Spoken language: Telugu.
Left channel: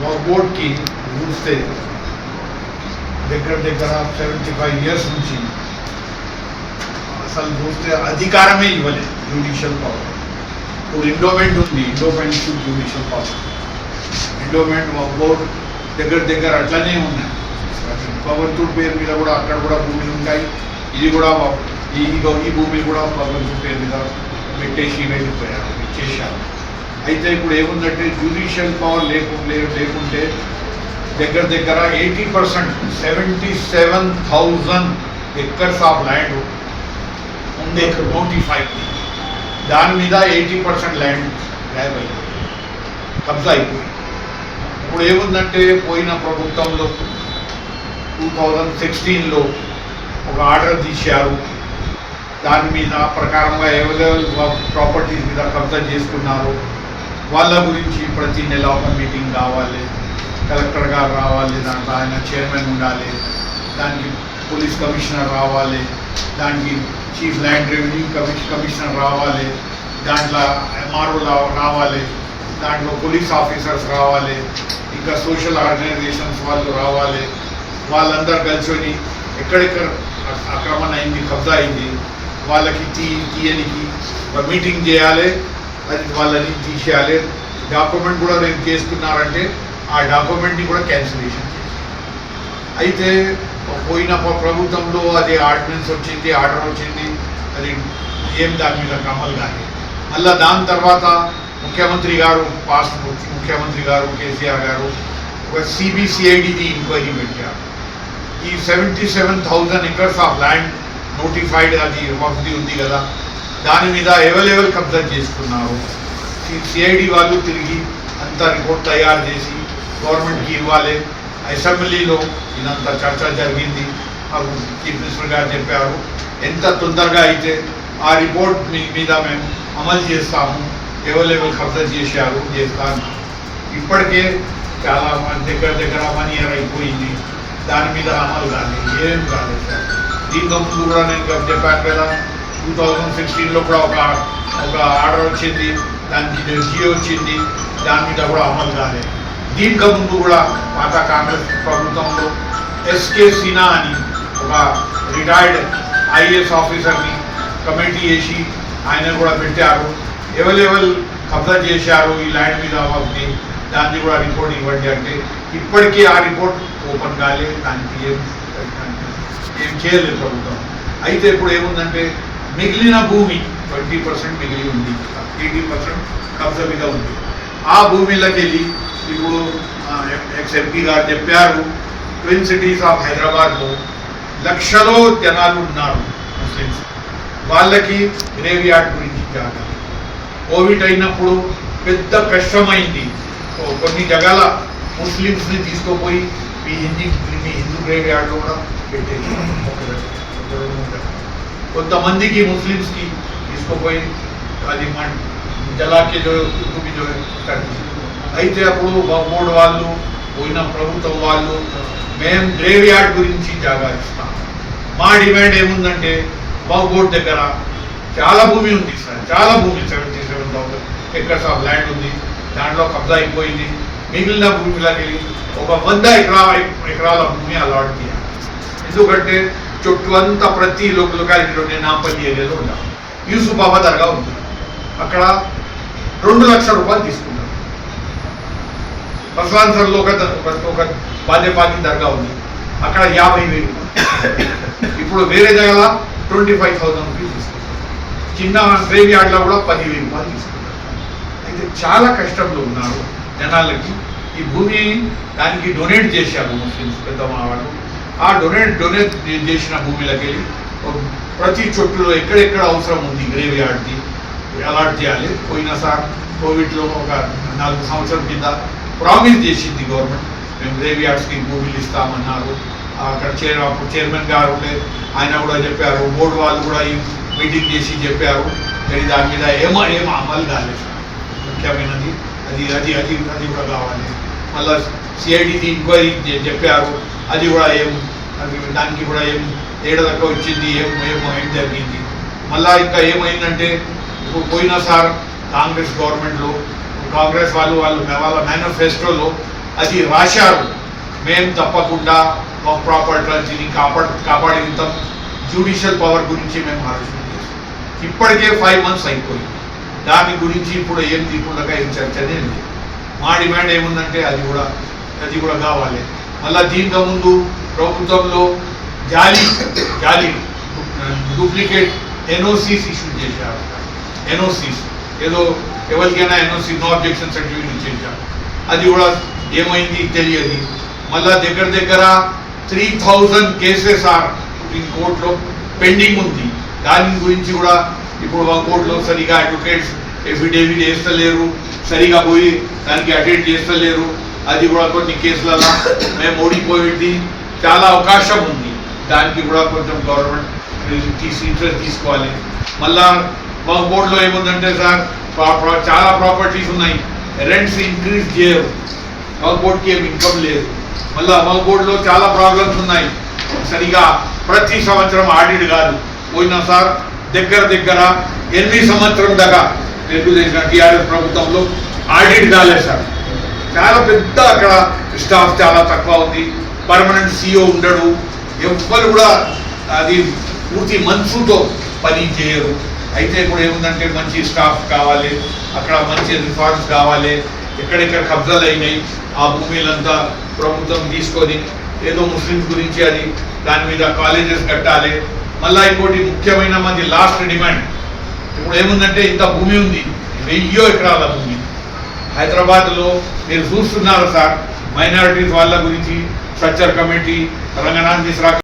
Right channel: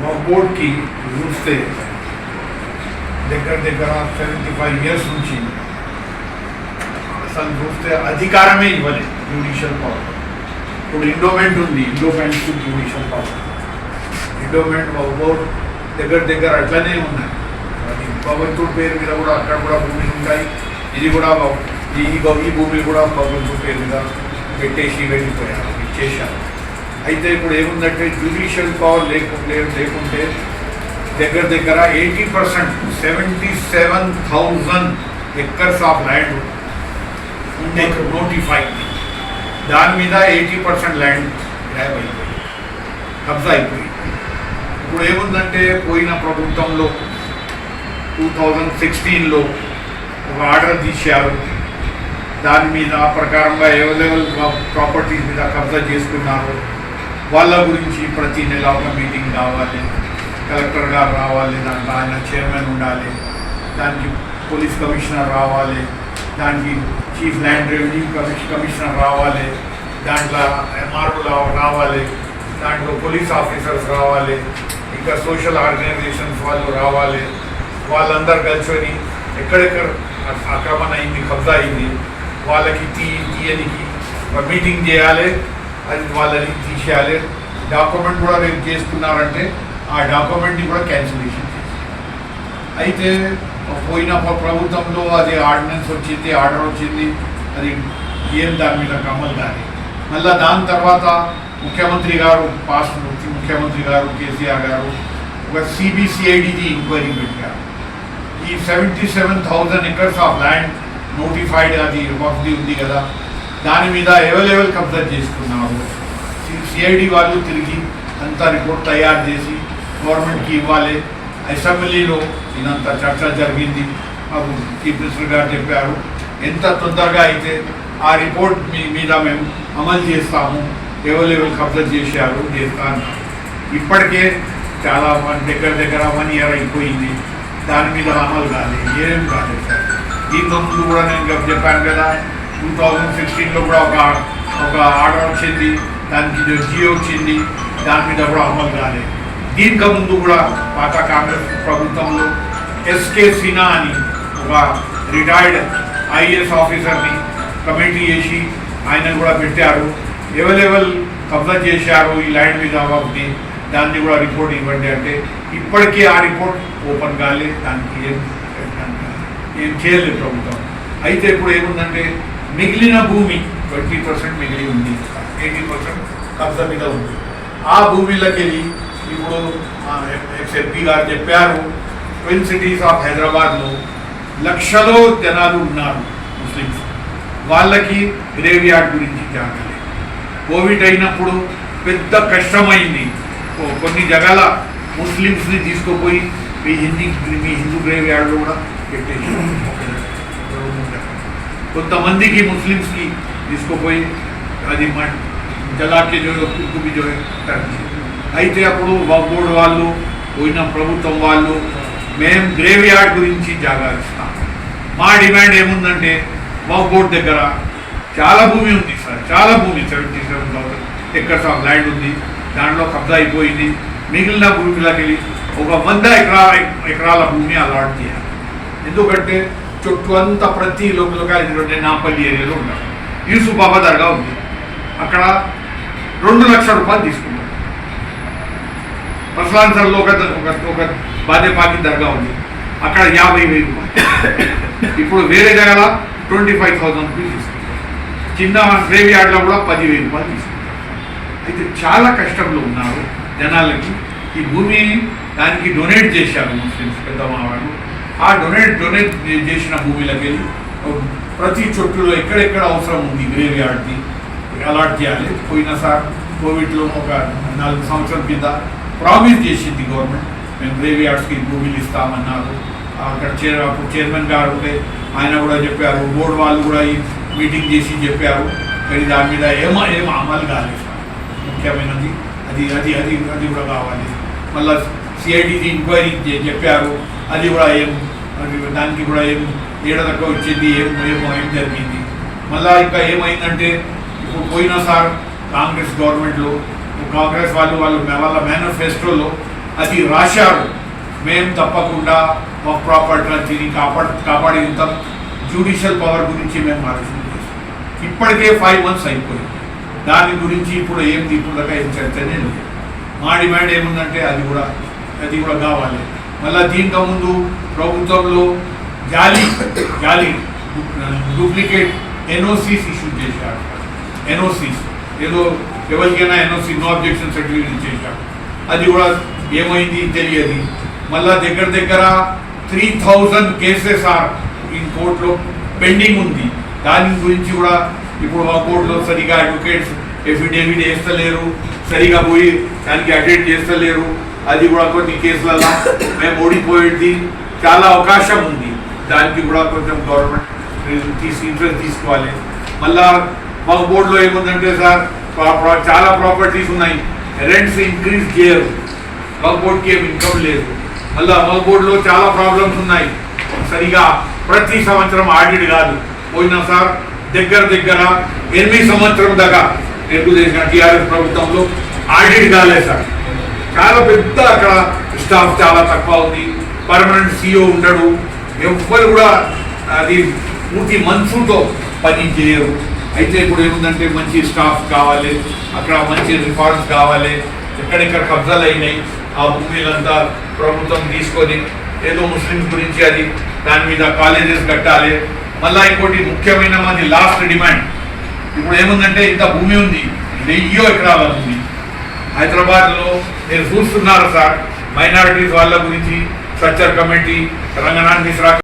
బోర్డ్కి చూస్తే దగ్గర 75 years నుంచి అసలు చూస్తే అధికారమే ఇవ్వలేదు జ్యుడిషియల్ పవర్. ఇప్పుడు ఎండోమెంట్ ఉంది, endowment to judicial power. Endowment board దగ్గర అట్లనే ఉన్నాయి. భగవంతుడి పేరు మీద కూడా అక్కడ కూడా భూములు ఉంటాయి. ఇది కూడా ఈ భూమిని కూడా భగవంతుడి పేరు మీద పెట్టేసి వెళ్ళిపోయారు, ఇచ్చేసారు. అయితే ఇప్పుడు ఏముందంటే జ్యుడిషియల్ పవర్ లేకుంటే దగ్గర 80% 77,000 acres ఆఫ్ ల్యాండ్ ఉంది నోటిఫై. దాని మీద 80% ల్యాండ్ ల్యాబ్ అయిపోయింది, కబ్జా అయిపోయింది. ఇప్పుడు ఏముందంటే పోయిన ప్రభుత్వంలో 2016లో ఒక ఆర్డర్ తీశారు. దాని మీద ప్రకారంగా ఎవరెవరు ప్రాపర్టీస్ మీద కబ్జా చేసుకున్నారు వాళ్ళ గురించి ప్రతి నెల ఒక మీటింగ్ కావాలి, కలెక్టర్ గారు రావాలి, దాంట్లో ఆయన చైర్మన్ ఉండాలి, దానికి పోలీస్ కమిషనర్ రావాలి, దానికి చీఫ్ ల్యాండ్ రెవెన్యూ కమిషనర్ రావాలి, దాంట్లో ఎంఆర్ఓ రావాలి, దాంట్లో పోలీస్ ఆఫీసర్స్ రావాలి, ఇంకా సోషల్ ఆర్గనైజేషన్స్ వాళ్ళు రావాలి. వాళ్ళందరూ కలిసి ఎక్కడెక్కడ ఆక్రమణ అయింది, కబ్జా అయింది, వాళ్ళకి తీయనికి ఒక మీటింగ్ చేయాలి, అది వాళ్ళని తీసేయాలి. డాక్యుమెంట్ కూడా నేను చేస్తున్నారంటే ఆ డాక్యుమెంట్ని కూడా క్యాన్సిలేషన్ చేసి. అయితే పోయిన ప్రభుత్వంలో అది ఆర్డినెన్స్ వచ్చింది, ఆర్డర్ వచ్చింది, అది ఏం దాని మీద అమలు కాదు. మళ్ళీ దాని తర్వాత ముఖ్యమంత్రి గారు ముఖ్యమంత్రి గారు కేసీఆర్ గారు ఒక సిబిసిఐడిది ఎంక్వైరీ పెట్టారు. ఈ 77,000 acres ఆఫ్ ల్యాండ్ నోటిఫైడ్ అది వక్ఫ్ది ఉంది కదా, దాని మీద ఎవరెవరు కబ్జా చేసుకున్నారు సిఐడి వాళ్ళు తిరిగి అంతా రిపోర్ట్ తయారు చేసి గవర్నమెంట్కి ఇవ్వాలి. అసెంబ్లీలో ఇదంత చర్చ జరిగింది. చీఫ్ మినిస్టర్ గారు చెప్పారు ఎంత తొందరగా అయితే ఆ రిపోర్ట్ మీద మేము అమలు చేస్తాము, ఎవరెవరు కబ్జా చేశారు చేస్తాను. ఇప్పటికే చాలా దగ్గర 1 year అయిపోయింది, దాని మీద అమలు కాలేదు, ఏం కాలేదు సార్. దీంతో ముందు కూడా నేను చెప్పాను కదా, 2016లో కూడా ఒక ఆర్డర్ వచ్చింది, దానికి జియో వచ్చింది, దాని మీద కూడా అమలు కాలేదు. దీనికి ముందు కూడా పాత కాంగ్రెస్ ప్రభుత్వంలో ఎస్కే సిన్హా అని ఒక రిటైర్డ్ ఐఏఎస్ ఆఫీసర్ని కమిటీ చేసి ఆయన కూడా పెట్టారు. ఎవరెవరు కబ్జా చేశారు ఈ ల్యాండ్ మీద వక్ఫ్ని దాన్ని కూడా రిపోర్ట్ ఇవ్వండి అంటే ఇప్పటికీ ఆ రిపోర్ట్ ఓపెన్ కాలేదు, దానికి ఏం చేయలేదు ప్రభుత్వం. అయితే ఇప్పుడు ఏముందంటే మిగిలిన భూమి 20% మిగిలి ఉంది, 80% కబ్జా మీద ఉంది. ఆ భూమిలోకి వెళ్ళి ఇప్పుడు ఎక్స్ఎంపీ గారు చెప్పారు ట్విన్ సిటీస్ ఆఫ్ హైదరాబాద్లో లక్షలో జనాలు ఉన్నారు ముస్లిమ్స్, వాళ్ళకి గ్రేవ్ యార్డ్ గురించి జాగ్రత్త. కోవిడ్ అయినప్పుడు పెద్ద కష్టమైంది. కొన్ని జగాల ముస్లిమ్స్ని తీసుకుపోయి మీ హిందూ గ్రేవ్ యార్డ్లో కూడా పెట్టేసి కొంతమందికి ముస్లిమ్స్కి తీసుకుపోయి అది జలాకి అయితే అప్పుడు బోర్డు వాళ్ళు పోయిన ప్రభుత్వం వాళ్ళు మేము గ్రేవ్ యార్డ్ గురించి జాగా ఇస్తాం. మా డిమాండ్ ఏముందంటే బోర్డు దగ్గర చాలా భూమి ఉంది సార్, చాలా భూమి 77,000 acres ఆఫ్ ల్యాండ్ ఉంది, దాంట్లో కబ్జా అయిపోయింది. మిగిలిన భూమిలోకి వెళ్ళి ఒక 100 ఎకరాల భూమి అలాట్ చేయాలి. ఎందుకంటే చుట్టూ అంతా ప్రతి లొకాలిటీలో నాంపల్లి ఏరియాలో ఉన్నాం. యూసుఫ్ బాబా దర్గా ఉంది, అక్కడ 2 లక్షల రూపాయలు తీసుకున్నారు. పర్సలాన్ సార్లో ఒక బాధ్యపాకి దర్గా ఉంది, అక్కడ 50,000 రూపాయలు. ఇప్పుడు వేరే జగల 25,000 రూపీస్ తీసుకుంటారు. చిన్న గ్రేవ్ యార్డ్లో కూడా 10,000 రూపాయలు తీసుకుంటారు. అయితే చాలా కష్టంలో ఉన్నారు జనాలకి. ఈ భూమి దానికి డొనేట్ చేశారు ముస్లిమ్స్ పెద్దమ్మ వాళ్ళు. ఆ డొనేట్ చేసిన భూమిలోకి ప్రతి చోట్లలో ఎక్కడెక్కడ అవసరం ఉంది గ్రేవ్ యార్డ్కి అలాట్ చేయాలి. పోయినసారి కోవిడ్లో ఒక 4 సంవత్సరాల కింద ప్రామిస్ చేసింది గవర్నమెంట్, మేము గ్రేవ్ యార్డ్స్కి భూమిలు ఇస్తామన్నారు. అక్కడ చైర్మన్ గారు ఉంటే ఆయన కూడా చెప్పారు, బోర్డు వాళ్ళు కూడా ఈ మీటింగ్ చేసి చెప్పారు. కానీ దాని మీద ఏం అమలు కాలేదు. ముఖ్యమైనది అది అది అది అది కూడా కావాలి. మళ్ళీ సిఐడిది ఎంక్వైరీ చెప్పారు, అది కూడా దానికి కూడా ఏడాదిలో వచ్చింది, ఏం జరిగింది. మళ్ళీ ఇంకా ఏమైందంటే ఇప్పుడు పోయిన సార్ కాంగ్రెస్ గవర్నమెంట్లో కాంగ్రెస్ వాళ్ళ మేనిఫెస్టోలో అది రాశారు. మేము తప్పకుండా మా ప్రాపర్టీని కాపాడుతాం. జ్యుడిషియల్ పవర్ గురించి మేము ఆలోచన చేస్తాం. ఇప్పటికే 5 months అయిపోయింది. దాని గురించి ఇప్పుడు ఏం తీయకుండా ఏం చర్చనే లేదు. మా డిమాండ్ ఏముందంటే అది కూడా కావాలి. మళ్ళీ దీంతో ముందు ప్రభుత్వంలో జాలి డూప్లికేట్ NOCs ఇష్యూ చేశారు. NOCs ఏదో ఎవరికైనా NOC నో అబ్జెక్షన్ సర్టిఫికేట్ ఇచ్చేసారు. అది కూడా ఏమైంది తెలియదు. మళ్ళా దగ్గర 3000 కేసెస్ సుప్రీం కోర్టులో పెండింగ్ ఉంది. దాని గురించి కూడా ఇప్పుడు మా కోర్టులో సరిగా అడ్వకేట్స్ ఎఫిడేవిట్ వేస్తలేరు, సరిగా పోయి దానికి అటెండ్ చేస్తలేరు. అది కూడా కొన్ని కేసులలో మేము ఓడిపోయేది చాలా అవకాశం ఉంది. దానికి కూడా కొంచెం గవర్నమెంట్ ఇంట్రెస్ట్ తీసుకోవాలి. మళ్ళా మా బోర్డులో ఏముందంటే సార్ చాలా ప్రాపర్టీస్ ఉన్నాయి, రెంట్స్ ఇంక్రీజ్ చేయరు, మా బోర్డుకి ఏమి ఇన్కమ్ లేదు. మళ్ళీ మా బోర్డులో చాలా ప్రాబ్లమ్స్ ఉన్నాయి. సరిగా ప్రతి సంవత్సరం ఆడిట్ కాదు. పోయినా సార్ దగ్గర 8 సంవత్సరం దాకా తెలుగుదేశం టీఆర్ఎస్ ప్రభుత్వంలో ఆడిట్ కాలేదు సార్. చాలా పెద్ద అక్కడ స్టాఫ్ చాలా తక్కువ ఉంది. పర్మనెంట్ CEO ఉండడు. ఎవ్వరు కూడా అది పూర్తి మనసుతో పని చేయరు. అయితే ఇప్పుడు ఏముందంటే మంచి స్టాఫ్ కావాలి, అక్కడ మంచి రిఫార్మ్స్ కావాలి. ఎక్కడెక్కడ కబ్జాలు అయినాయి ఆ భూమిలంతా ప్రభుత్వం తీసుకొని ఏదో ముస్లిమ్స్ గురించి అది దాని మీద కాలేజెస్ కట్టాలి. మళ్ళీ ఇంకోటి ముఖ్యమైన మంది లాస్ట్ డిమాండ్, ఇప్పుడు ఏముందంటే ఇంత భూమి ఉంది, 1000 ఎకరాల భూమి హైదరాబాద్లో మీరు చూస్తున్నారు సార్. మైనారిటీస్ వాళ్ళ గురించి స్ట్రక్చర్ కమిటీ, తెలంగాణ మిశ్రా